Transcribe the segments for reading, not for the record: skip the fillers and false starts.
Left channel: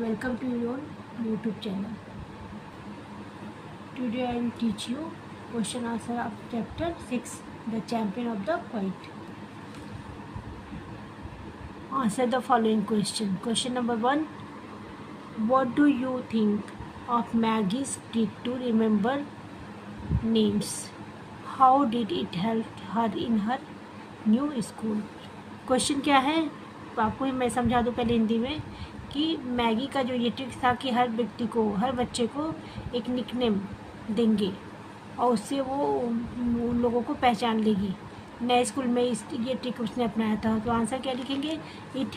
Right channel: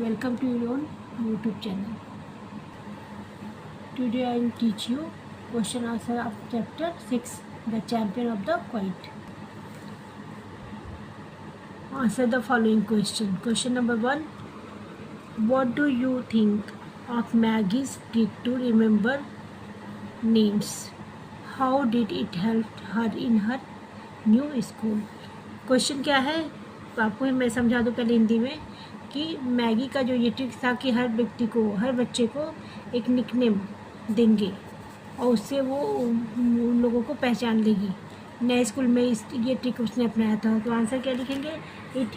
Welcome to your own YouTube channel. Today I will teach you question answer of chapter 6, The Champion of the Quiet. Answer the following question. Question number 1. What do you think of Maggie's trick to remember names? How did it help her in her new school? Question क्या है आपको मैं समझा दूँ पहले हिंदी में कि Maggi का जो ये ट्रिक था कि हर व्यक्ति को, हर बच्चे को एक निकनेम देंगे और उससे वो उन लोगों को पहचान लेगी। नए स्कूल में ये ट्रिक उसने अपनाया था। तो आंसर क्या लिखेंगे? It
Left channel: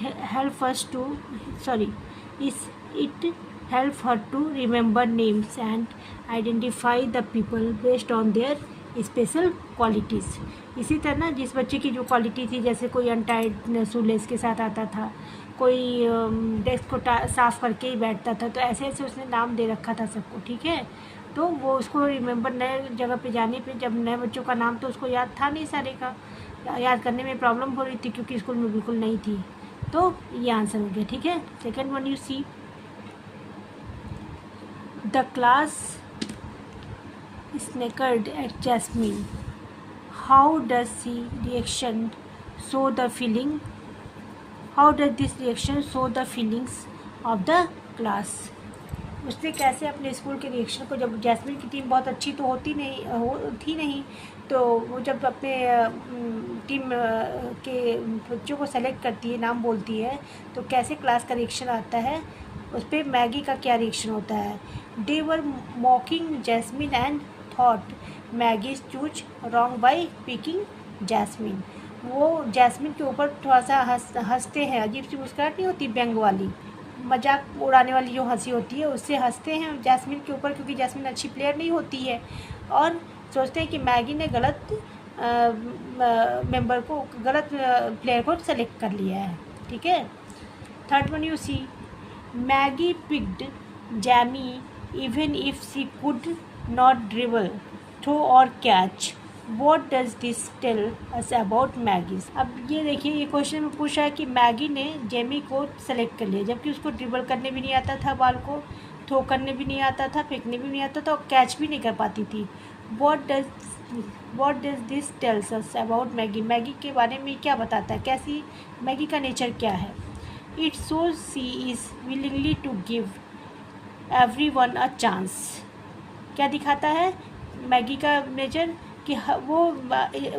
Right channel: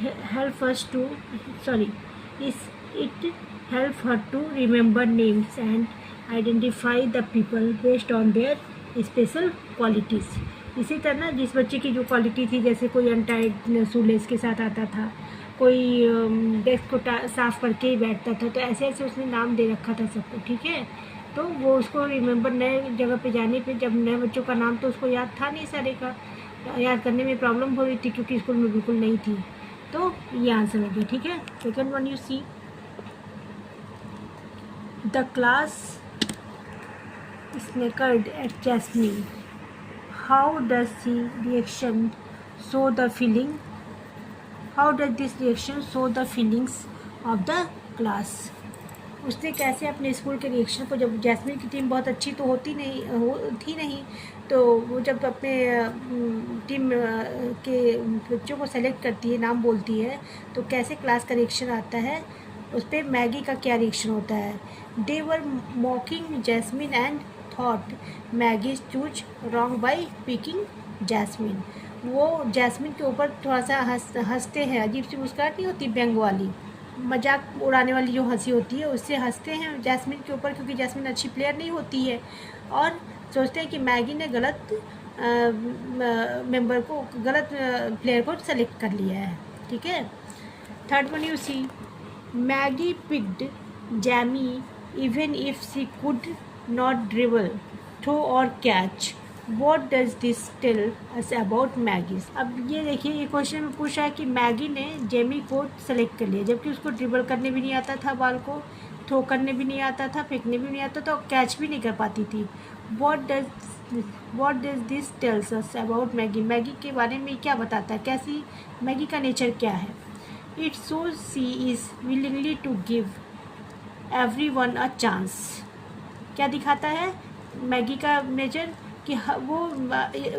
help her to remember names and identify the people based on their special qualities. इसी तरह जिस बच्चे की जो क्वालिटी थी, जैसे कोई अनटाइड शूलेस के साथ आता था, कोई डेस्क को साफ करके ही बैठता था, तो ऐसे ऐसे उसने नाम दे रखा था सबको। ठीक है, तो वो उसको रिमेंबर नए जगह पे जाने पे, जब नए बच्चों का नाम तो उसको याद था नहीं, सारे का याद करने में प्रॉब्लम हो रही थी क्योंकि स्कूल में बिल्कुल नहीं थी। तो ये आंसर हो गया। ठीक है, second one you see the class snickered at Jasmine. How does this reaction show the feelings of the class? उसने कैसे अपने स्कूल के रिएक्शन को, जब जैस्मीन की टीम बहुत अच्छी तो थी नहीं, तो वो जब अपने टीम के बच्चों को सेलेक्ट करती है, नाम बोलती है, तो कैसे क्लास का रिएक्शन आता है, उस पर मैगी का क्या रिएक्शन होता है? They were mocking Jasmine and thought Maggie choose wrong by picking Jasmine. वो जैस्मीन के ऊपर थोड़ा सा हंसते हैं, अजीब सी मुस्कुराहट नहीं होती, व्यंग वाली, मजाक उड़ाने वाली जो हंसी होती है, उससे हंसते हैं जैस्मीन के ऊपर, क्योंकि जैस्मीन अच्छी प्लेयर नहीं होती है, और सोचते हैं कि मैगी ने गलत गलत प्लेयर को सेलेक्ट कर लिया है. ठीक है, third one you see Maggie picked Jamie even if she could not dribble, throw or catch. What does this tell us about Maggie? अब ये देखिए, ये क्वेश्चन में पूछा है कि मैगी ने जेमी को सेलेक्ट कर लिया, जबकि उसको ड्रिबल करने भी नहीं आता था, बॉल को थ्रो करने भी नहीं आता था, फेंकने भी नहीं आता था, और कैच भी नहीं कर पाती थी. What does this tells us about Maggie? Maggi के बारे में क्या बताता है, कैसी मैगी का नेचर क्या है? It shows she is willingly to give everyone a chance. क्या दिखाता है मैगी का नेचर? कि वो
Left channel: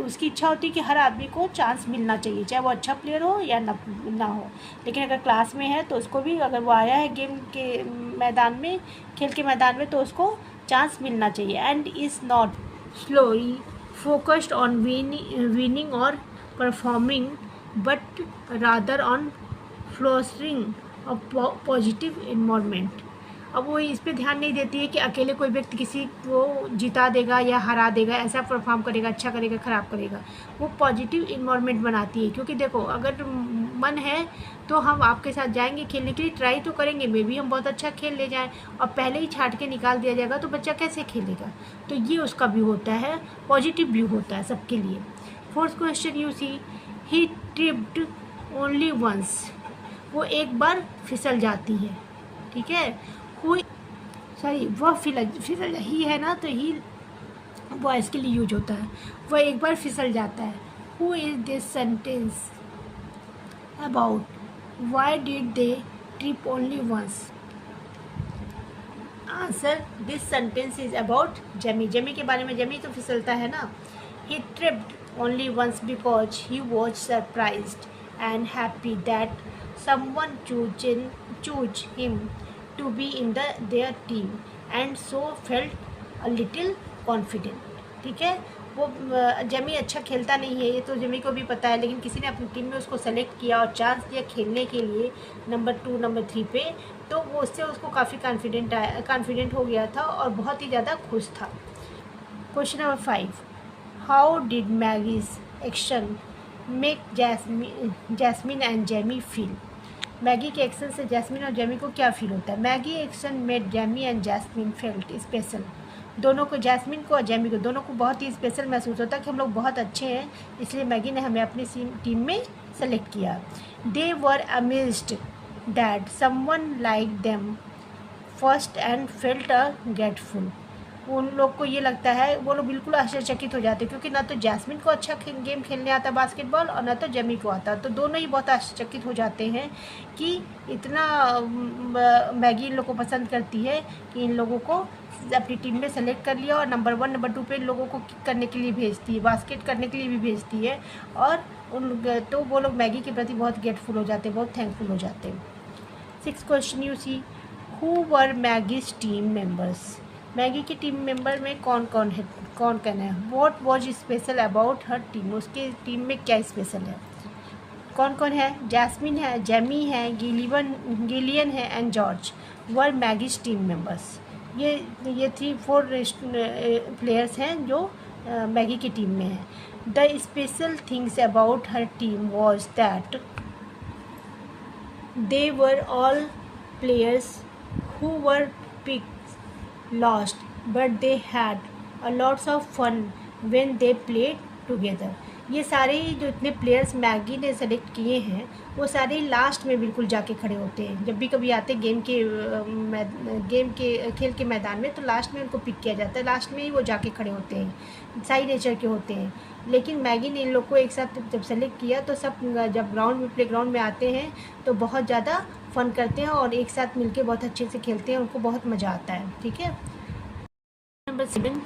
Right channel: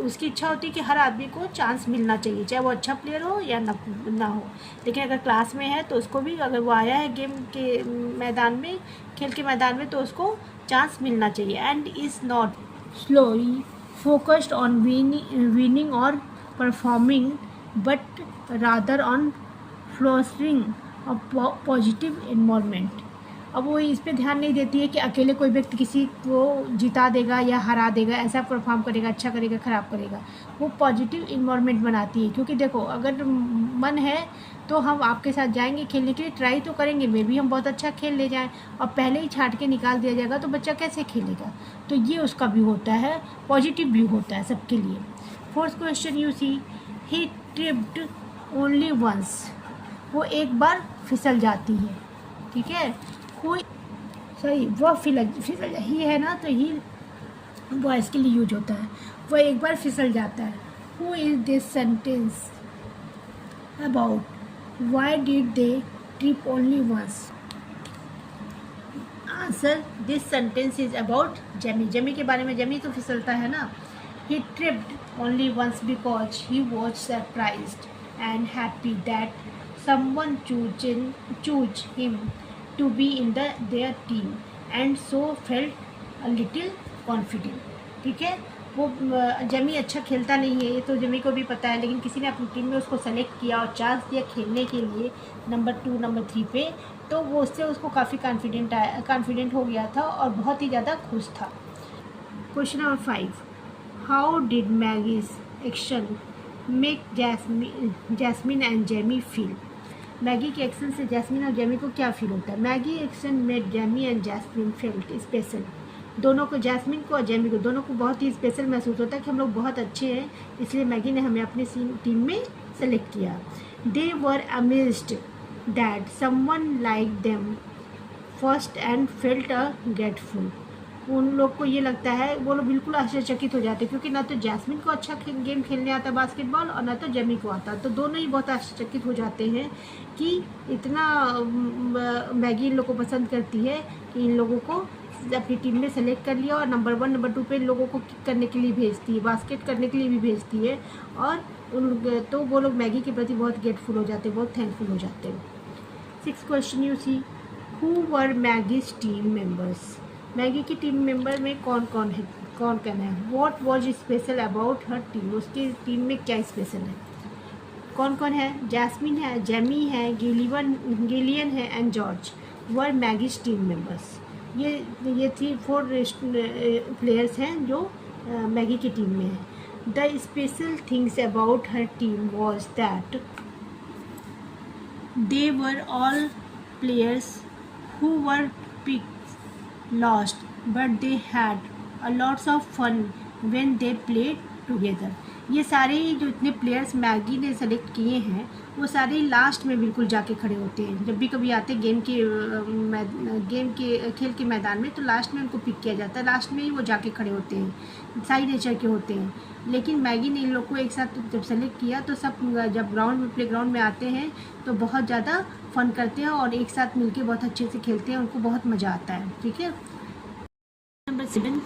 उसकी इच्छा होती है कि हर आदमी को चांस मिलना चाहिए, चाहे वो अच्छा प्लेयर हो या ना हो, लेकिन अगर क्लास में है तो उसको भी, अगर वो आया है गेम के मैदान में, खेल के मैदान में, तो उसको चांस मिलना चाहिए. And is not solely focused on winning और performing, but rather on fostering a positive environment. अब वो इस पे ध्यान नहीं देती है कि अकेले कोई व्यक्ति किसी को जिता देगा या हरा देगा, ऐसा परफॉर्म करेगा, अच्छा करेगा, ख़राब करेगा. वो पॉजिटिव इन्वायरमेंट बनाती है, क्योंकि देखो, अगर मन है तो हम आपके साथ जाएंगे खेलने के लिए, ट्राई तो करेंगे, मे भी हम बहुत अच्छा खेल ले जाएं, और पहले ही छाट के निकाल दिया जाएगा तो बच्चा कैसे खेलेगा? तो ये उसका व्यू होता है, पॉजिटिव व्यू होता है सबके लिए. Fourth question you see he tripped only once. वो एक बार फिसल जाती है. ठीक है, वह फिसल ही है ना, तो ही बॉयज़ के लिए यूज होता है. वह एक बार फिसल जाता है. Who is this sentence about? Why did they trip only once? Answer, this sentence is about Jamie. Jamie के बारे में. जेमी तो फिसलता है ना. He tripped only once because he was surprised and happy that someone chose him to be in their team and so felt a little confident. ठीक है, वो जेमी अच्छा खेलता नहीं है, ये तो जेमी को भी पता है, लेकिन किसी ने अपनी टीम में उसको सेलेक्ट किया और चांस दिया खेलने के लिए नंबर 2 नंबर 3 पे, तो वो उससे उसको काफ़ी कॉन्फिडेंट हो गया था और बहुत ही ज़्यादा खुश था. Question number 5. How did Maggie's action make jasmine and Jamie feel? Maggi के एक्शन से जैस्मीन और जेमी को क्या फील होता है? Maggi action made Jamie and jasmine felt special. दोनों को, जैस्मीन को और जेमी को, दोनों को बहुत ही स्पेशल महसूस होता है कि हम लोग बहुत अच्छे हैं, इसलिए मैगी ने हमें अपनी टीम में सेलेक्ट किया. दे वर amazed that someone liked them first and felt a grateful. उन लोग को ये लगता है, वो लोग बिल्कुल आश्चर्यचकित हो जाते हैं क्योंकि ना तो जैस्मिन को अच्छा गेम खेलने आता बास्केटबॉल और ना तो जेमी को आता, तो दोनों ही बहुत आश्चर्यचकित हो जाते हैं कि इतना मैगी इन लोग को पसंद करती है कि इन लोगों को अपनी टीम में सेलेक्ट कर लिया और नंबर 1 नंबर 2 पे इन लोगों को किक करने के लिए भेजती है, बास्केट करने के लिए भी भेजती है। और तो वो लोग मैगी के प्रति बहुत ग्रेटफुल हो जाते हैं, बहुत थैंकफुल हो जाते हैं। 6th question you see, who were Maggie's team members? Maggie की टीम मेंबर में कौन कौन है? What was special about her team? उसकी टीम में क्या स्पेशल है? कौन कौन है? जैस्मिन है, जेमी है, गिलियन है and George were Maggie's team members. ये 3-4 प्लेयर्स हैं जो मैगी की टीम में हैं। The special things about her team was that they were all players who were picked lost, but they had a lots of fun when they played together. ये सारे जो इतने प्लेयर्स मैगी ने select किए हैं वो सारे लास्ट में बिल्कुल जाके खड़े होते हैं। जब भी कभी आते हैं गेम के खेल के मैदान में तो लास्ट में उनको पिक किया जाता है, लास्ट में ही वो जाके खड़े होते हैं, साइड नेचर के होते हैं। लेकिन मैगी ने इन लोग को एक साथ जब सेलेक्ट किया तो सब जब ग्राउंड में प्ले ग्राउंड में आते हैं तो बहुत ज़्यादा फन करते हैं और एक साथ मिलके बहुत अच्छे से खेलते हैं, उनको बहुत मज़ा आता है। ठीक है। Number 7,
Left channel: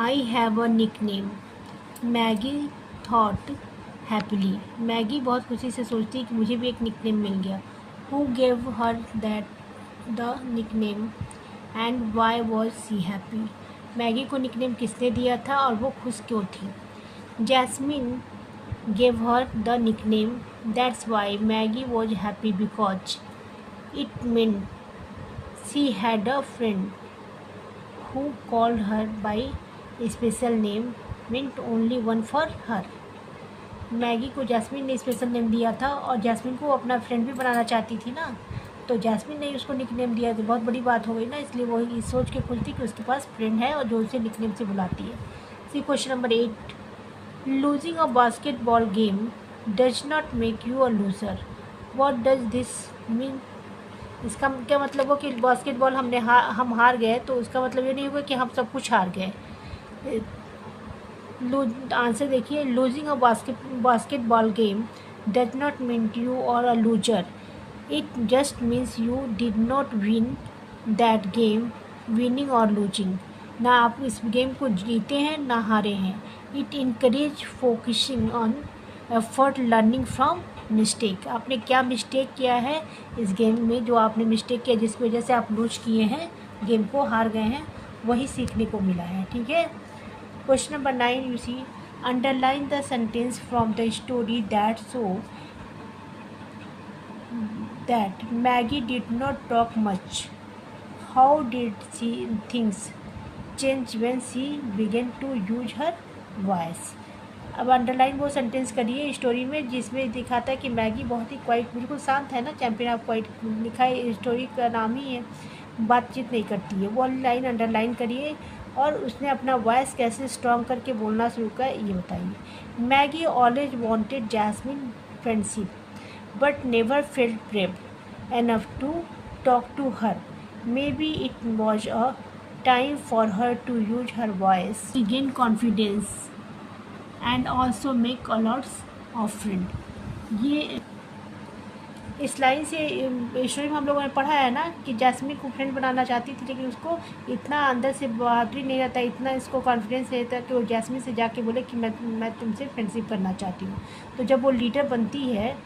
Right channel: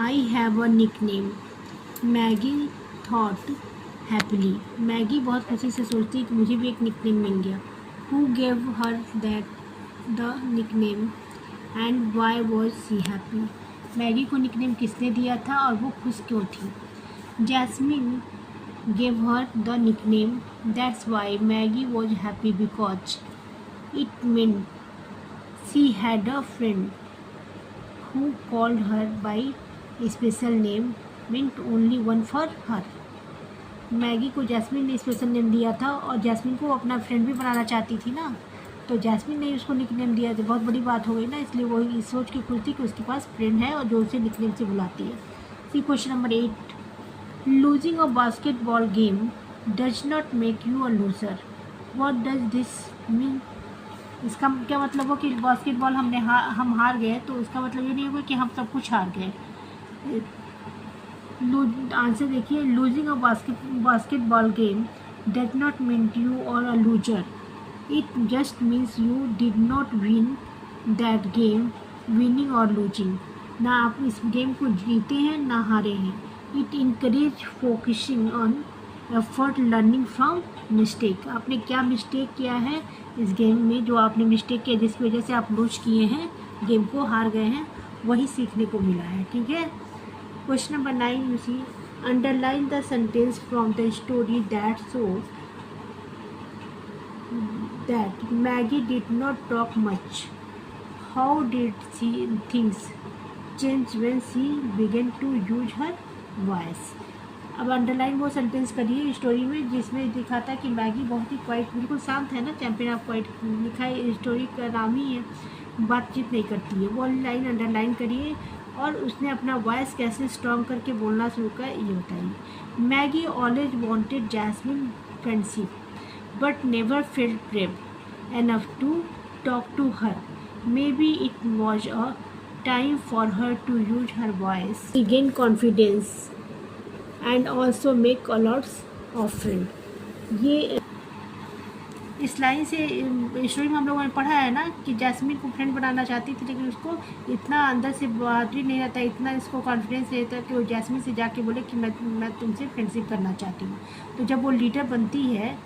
I have a nickname. Maggi thought happily. Maggi बहुत खुशी से सोचती कि मुझे भी एक निकनेम मिल गया। Who gave her that the nickname and why was she happy? Maggie को निकनेम किसने दिया था और वो खुश क्यों थी? Jasmine gave her the nickname. That's why Maggie was happy because it meant she had a friend who called her by a special name, meant only one for her. Maggi को jasmine ने special name दिया था और jasmine को अपना friend भी बनाना चाहती थी ना, तो जैस्मिन ने उसको निकनेम दिया तो बहुत बड़ी बात हो गई ना, इसलिए वो इस सोच के खुश थी कि उसके पास फ्रेंड है और जो उसे निकनेम से बुलाती है। सी question number 8, losing a basketball game does not make you a loser. What does this mean? इसका क्या मतलब हो कि बास्केटबॉल हम हार गए तो उसका मतलब ये नहीं होगा कि हम सब कुछ हार गए। आंसर देखिए, losing a basketball game does not mean you are a loser. It just means you did not win that game, winning or losing. ना आप इस गेम को जीते हैं ना हारे हैं। It encourage focusing on effort, learning from mistake. आपने क्या मिस्टेक किया है इस गेम में, जो आपने मिस्टेक किया जिसकी वजह से आप लूज किए हैं, गेम को हार गए हैं, वही सीखने को मिला है। ठीक है। Question number 9 you see, underline the sentence from the story that show that Maggie did not talk much, how did she things change when she began to use her voice. अब अंडरलाइन वो sentence करिए story में जिसमें दिखाता है कि Maggi बहुत ही quite, बिल्कुल शांत है ना, चैंपियन ऑफ क्वाइट लिखा है, स्टोरी का नाम ही है, बातचीत नहीं करती है। वो लाइन अंडरलाइन करिए और उसने अपना वॉइस कैसे स्ट्रॉन्ग करके बोलना शुरू किया ये बताइए। Maggie always wanted Jasmine friendship but never felt brave enough to talk to her. Maybe it was a time for her to use her voice, gain confidence and also make a lots of friend। ये इस line से story में हम लोगों ने पढ़ा है ना कि जैस्मिन को फ्रेंड बनाना चाहती थी लेकिन उसको इतना अंदर से बहादुरी नहीं रहता, इतना इसको कॉन्फिडेंस नहीं रहता कि वो जैस्मिन से जाके बोले कि मैं तुमसे फ्रेंडशिप करना चाहती हूँ। तो जब वो लीडर बनती है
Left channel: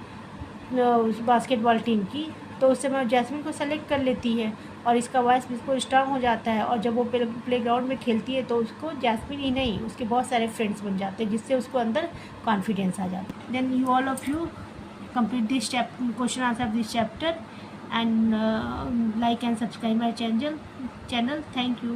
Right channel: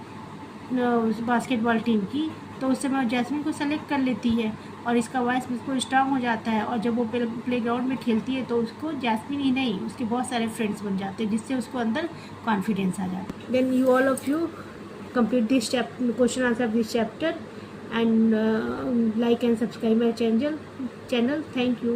बास्केटबॉल टीम की तो उस समय जैस्मिन को सेलेक्ट कर लेती है और इसका वॉइस बिल्कुल स्ट्रांग हो जाता है। और जब वो प्ले ग्राउंड में खेलती है तो उसको जैस्मिन ही नहीं उसके बहुत सारे फ्रेंड्स बन जाते हैं जिससे उसको अंदर कॉन्फिडेंस आ जाता है। Then you all of you complete this question answer of this chapter and like and subscribe my channel. Thank you.